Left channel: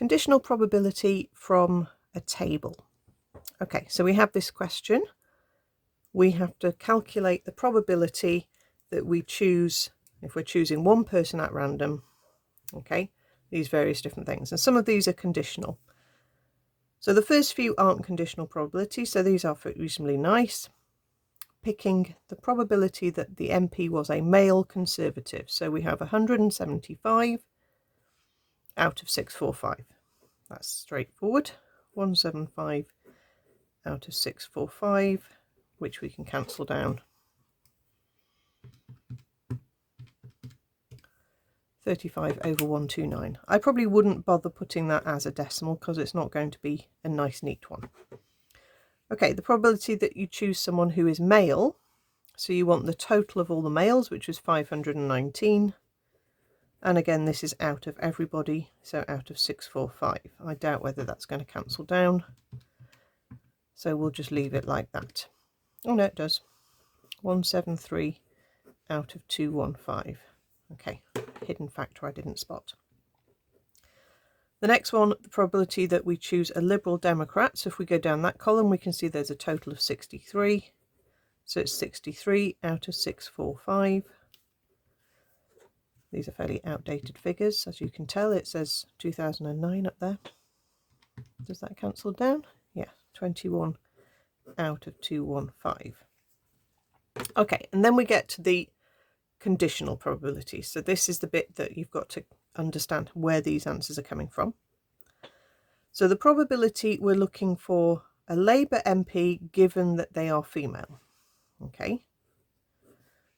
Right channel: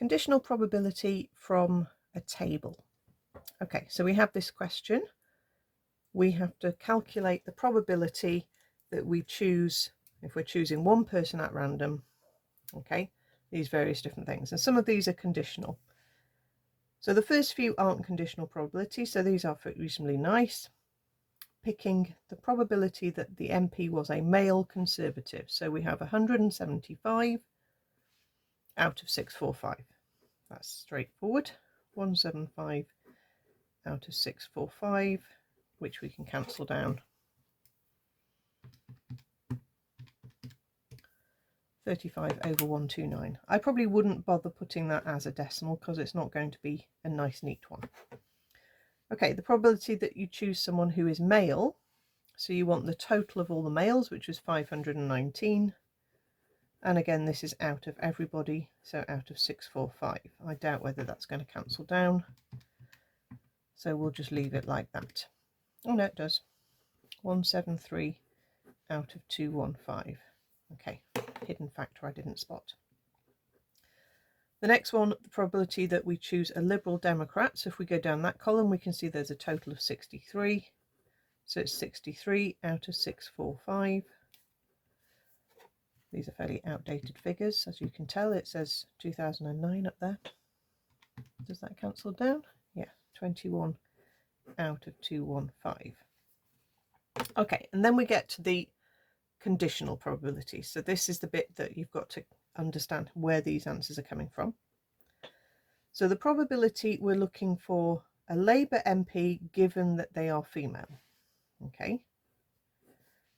Conditional probability from a table. Okay, so we have this question. We have to calculate the probability that we choose, if we're choosing one person at random, okay, these various different things. And some of these are conditional. So the first few aren't conditional probabilities, so these are reasonably nice. Picking the probability that the MP was a male Conservative. So we have 175 out of 645. That's straightforward. 175 out of 645, which we can cancel down. 35 over 129. I probably wouldn't bother putting that as a decimal because it's not going to be a nice neat one. Okay, the probability that you choose someone who is male, so you want the total of all the males, which is 519. And again, this is out of everybody, so out of 645. I doubt whether that's going to cancel down, so we'll just leave it like that. Oh no, it does. 173 out of 215. Okay, hidden factor I didn't spot. The next one, the probability that we choose a Liberal Democrat. So if we go down that column, we can see there's a total of 63. So it's 63 out of 645. These are fairly outdated figures. As you can tell, it says 2009 up there. Does that cancel down? Yeah, 21 out of 215. Okay, and then we get to the conditional probability. So this is the bit that you've got to understand where these answers are coming from. So the probability, we're looking for a Labour MP given that they are female. Okay,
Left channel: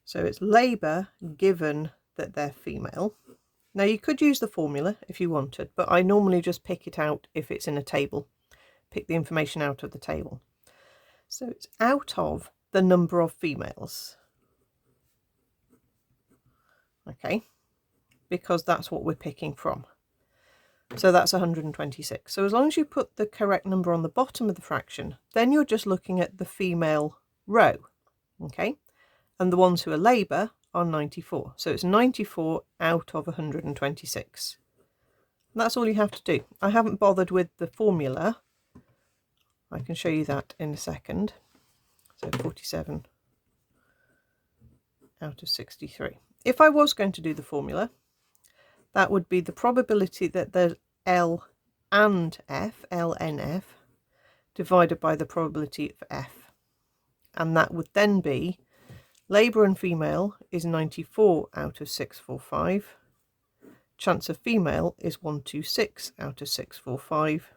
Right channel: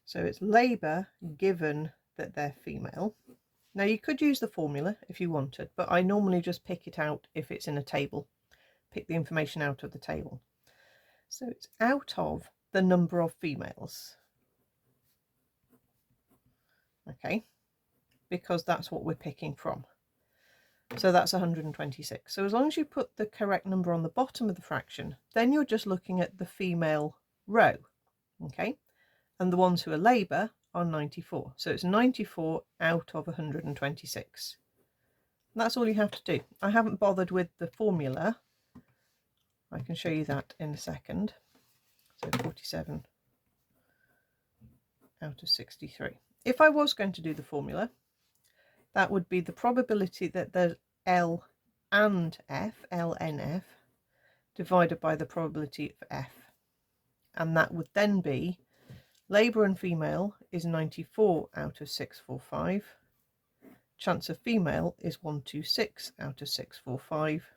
so it's Labour given that they're female. Now you could use the formula if you wanted, but I normally just pick it out if it's in a table, pick the information out of the table. So it's out of the number of females. Okay, because that's what we're picking from. So that's 126. So as long as you put the correct number on the bottom of the fraction, then you're just looking at the female row. Okay, and the ones who are Labour are 94. So it's 94 out of 126. And that's all you have to do. I haven't bothered with the formula. I can show you that in a second. So 47 out of 63. If I was going to do the formula, that would be the probability that there's L and F, LNF, divided by the probability of F. And that would then be Labour and female is 94 out of 645. Chance of female is 126 out of 645.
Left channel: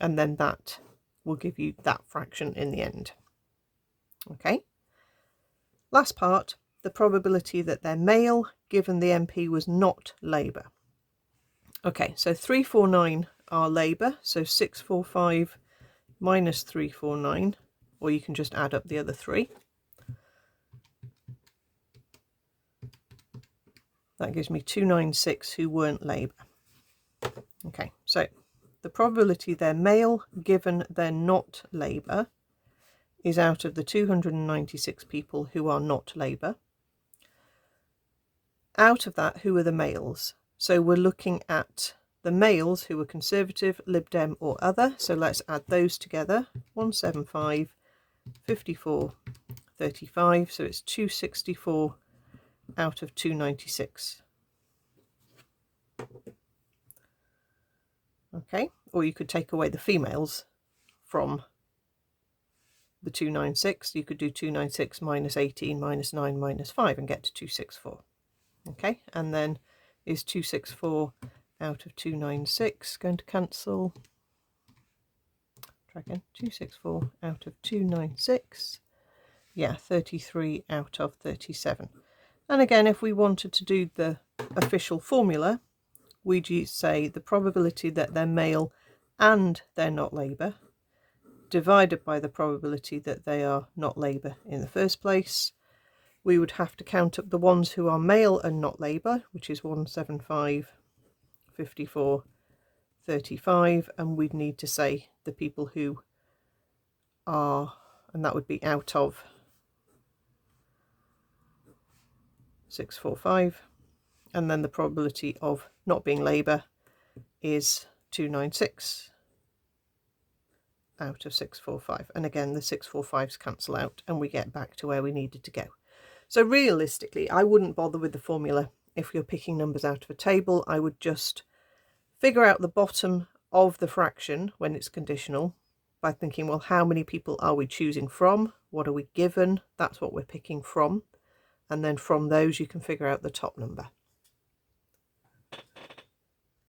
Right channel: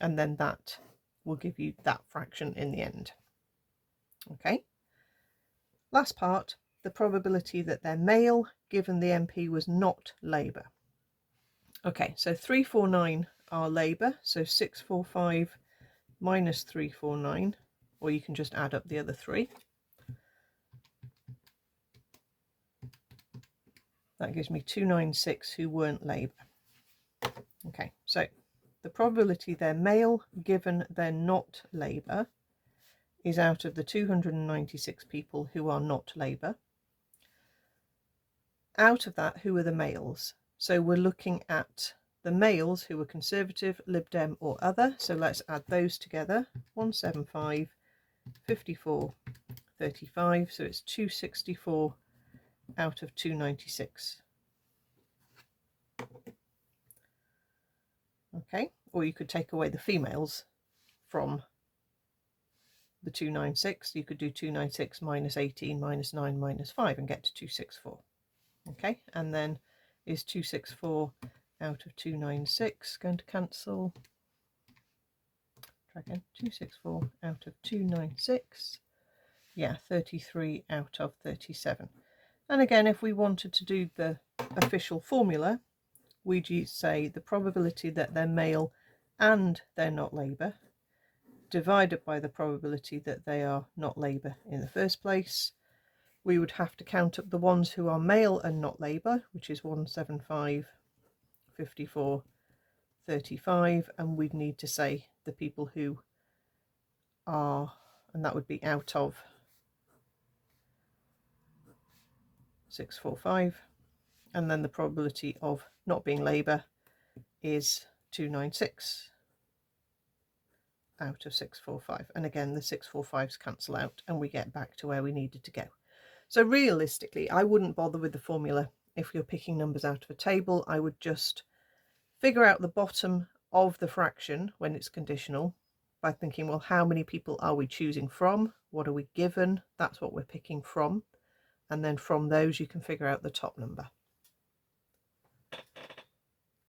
And then that will give you that fraction in the end. Okay. Last part, the probability that they're male given the MP was not Labour. Okay, so 349 are Labour, so 645 minus 349, or you can just add up the other three. That gives me 296 who weren't Labour. Okay, so the probability they're male given they're not Labour is out of the 296 people who are not Labour. Out of that, who are the males? So we're looking at the males who are Conservative, Lib Dem or other. So let's add those together. 175, 54, 35. So it's 264 out of 296. Okay, or you could take away the females from the 296. You could do 296 minus 18 minus 9 minus 5 and get to 264. Okay, and then is 264 out of 296 going to cancel? Try again. 264 out of 296. Yeah, 33 out of 37. And again, if we wanted to do the official formula, we'd say the probability that they're male and they're not Labour divided by the probability that they are not Labour in the first place. We would have to count up the ones who are male and not Labour, which is 175, 54, 35, and we'd need to say the people who are, and that would be out of 645, and then the probability of not being Labour is 296 out of 645. And again, the 645s cancel out and we get back to where we needed to go. So realistically, I wouldn't bother with the formula if you're picking numbers out of a table. I would just figure out the bottom of the fraction when it's conditional by thinking, well, how many people are we choosing from? What are we given? That's what we're picking from. And then from those, you can figure out the top number.